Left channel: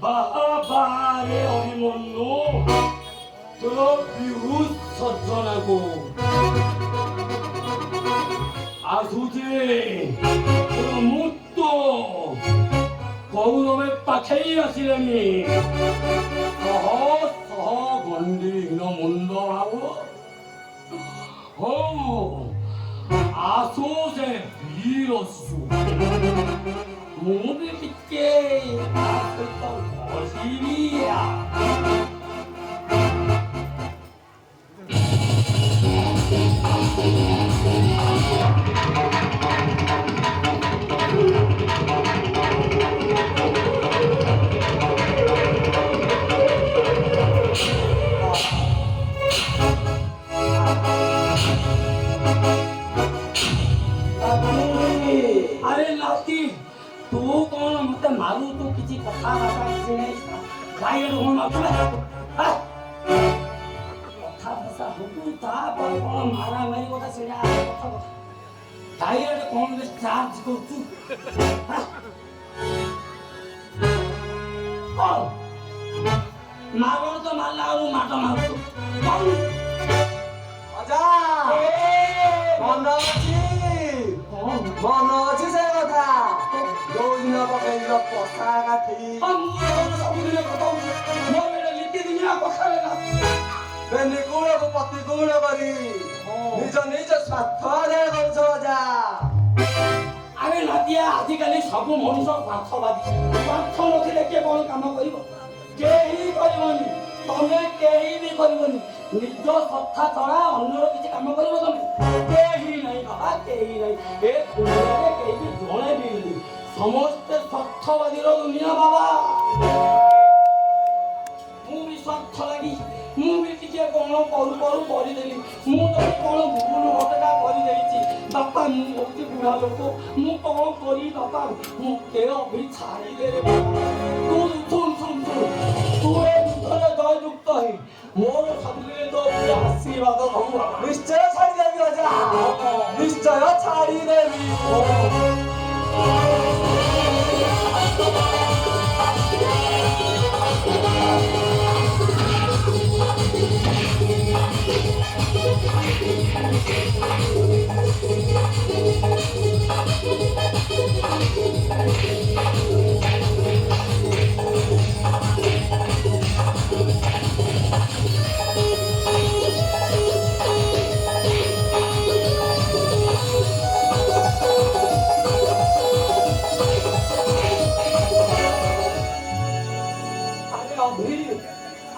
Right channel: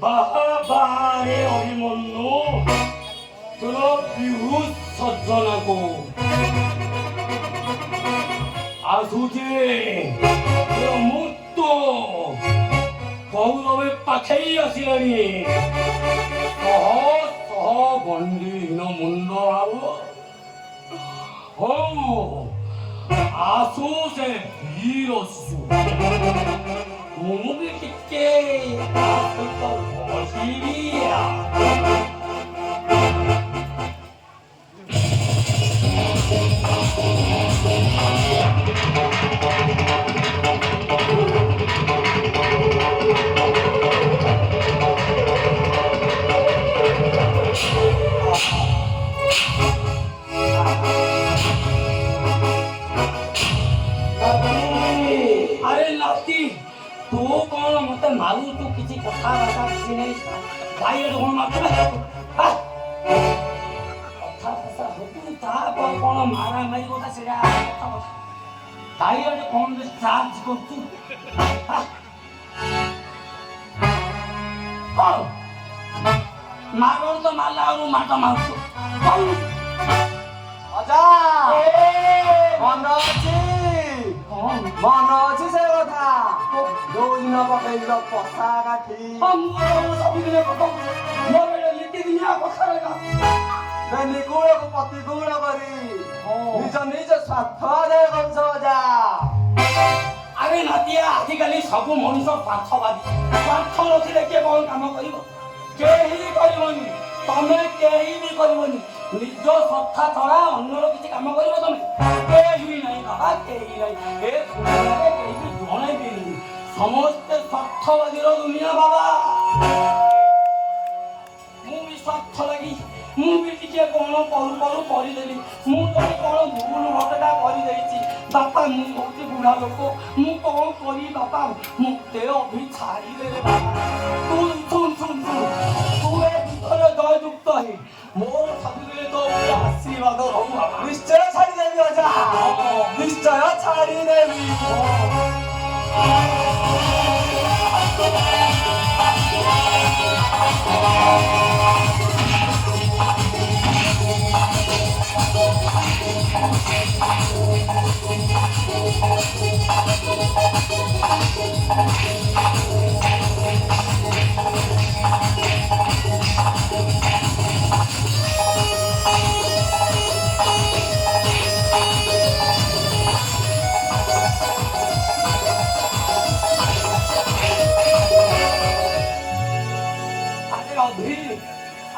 바하바의 어림없노 그 비웃 서전하고 아수지 그 묻도 거울업에 빠케이하시라니 서서 건디 너 문도하고 아소세 비로수 무비있게 아슬던 모습이야. अरे लाठी तू कौन मते मारू तू किसी कथा भाषा किसी नहीं दाइर कौन मारतो हा कथा भाषा तू ता कौन मारा मारी होता सेडा दाइर कौन दे चार्ज को तू हा मारो तो मारला और मारता मारतो कौन आजा मन अच्छी से कथा दो दिन पकड़ पसा काठी हम वो सब दिन को तो मोरे लिट्टी दुनिया को खाएगा बेनी कुले को पत्ती कुले करी निज निज स्वार्थ आदाय करछ आजा अरे नातिया आजिकाली सब मनुष्य स्वार्थवादी स्वार्थ नथिले के कोन काम करिवो केही करिवोनी तमे केही भी करिवोनी निज स्वार्थ छड़ा अन्य किछि काम करिवो तमे केही नहीं बाबा केही नहीं ए दुनिया रे केही भी जणे भी नहीं समस्त स्वार्थवादी रो दुनिया बाबा मु भी स्वार्थ लगी मु भी टिके कोन करू करी देली मु तो कोन भूल घटना करी देइछि बापा मु होती बुढ़ा लोक मु कोन करी बापा मु ते अभी छाड़ी दे रे बाबा तू सुन तू ए दुखरे दय युक्त है मोर शरीरे तो आशीर्वाद हो निश्चय छाड़ी देबी आजा निश्चय छाड़ी देबी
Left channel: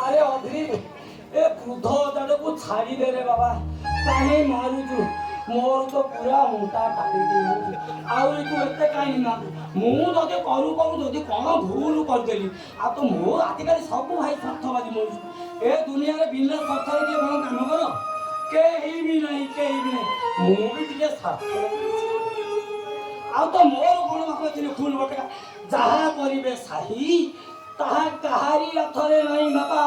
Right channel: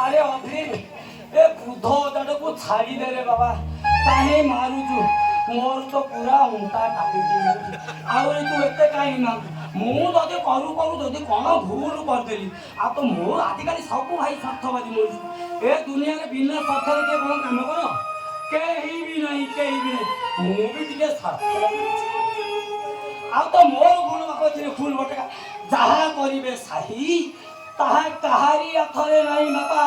अरे अधीर ए बुध दाड़ को छाड़ी दे रे बाबा काहे मारुचु मोर तो पूरा मुंटा टाटी आउरी तू एते काहे मांग मु जदे करू जदे कोन भूल कर देली आ तो मो आदिकाली सब भाई स्वार्थवादी मोर ए दुनिया रे बिना स्वार्थ के कोन काम करो केही भी नहीं मु भी दिले स्वार्थ आ तो मोर कोन बाप दिले फूल बटका जहा करिवे साही ताहा कहारी अथरे नहीं बाबा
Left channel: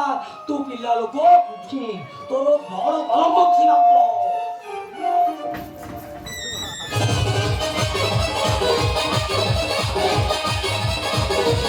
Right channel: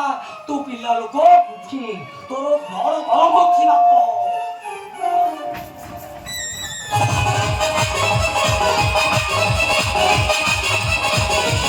तू पिला लोक तोर घर घर बखी बाप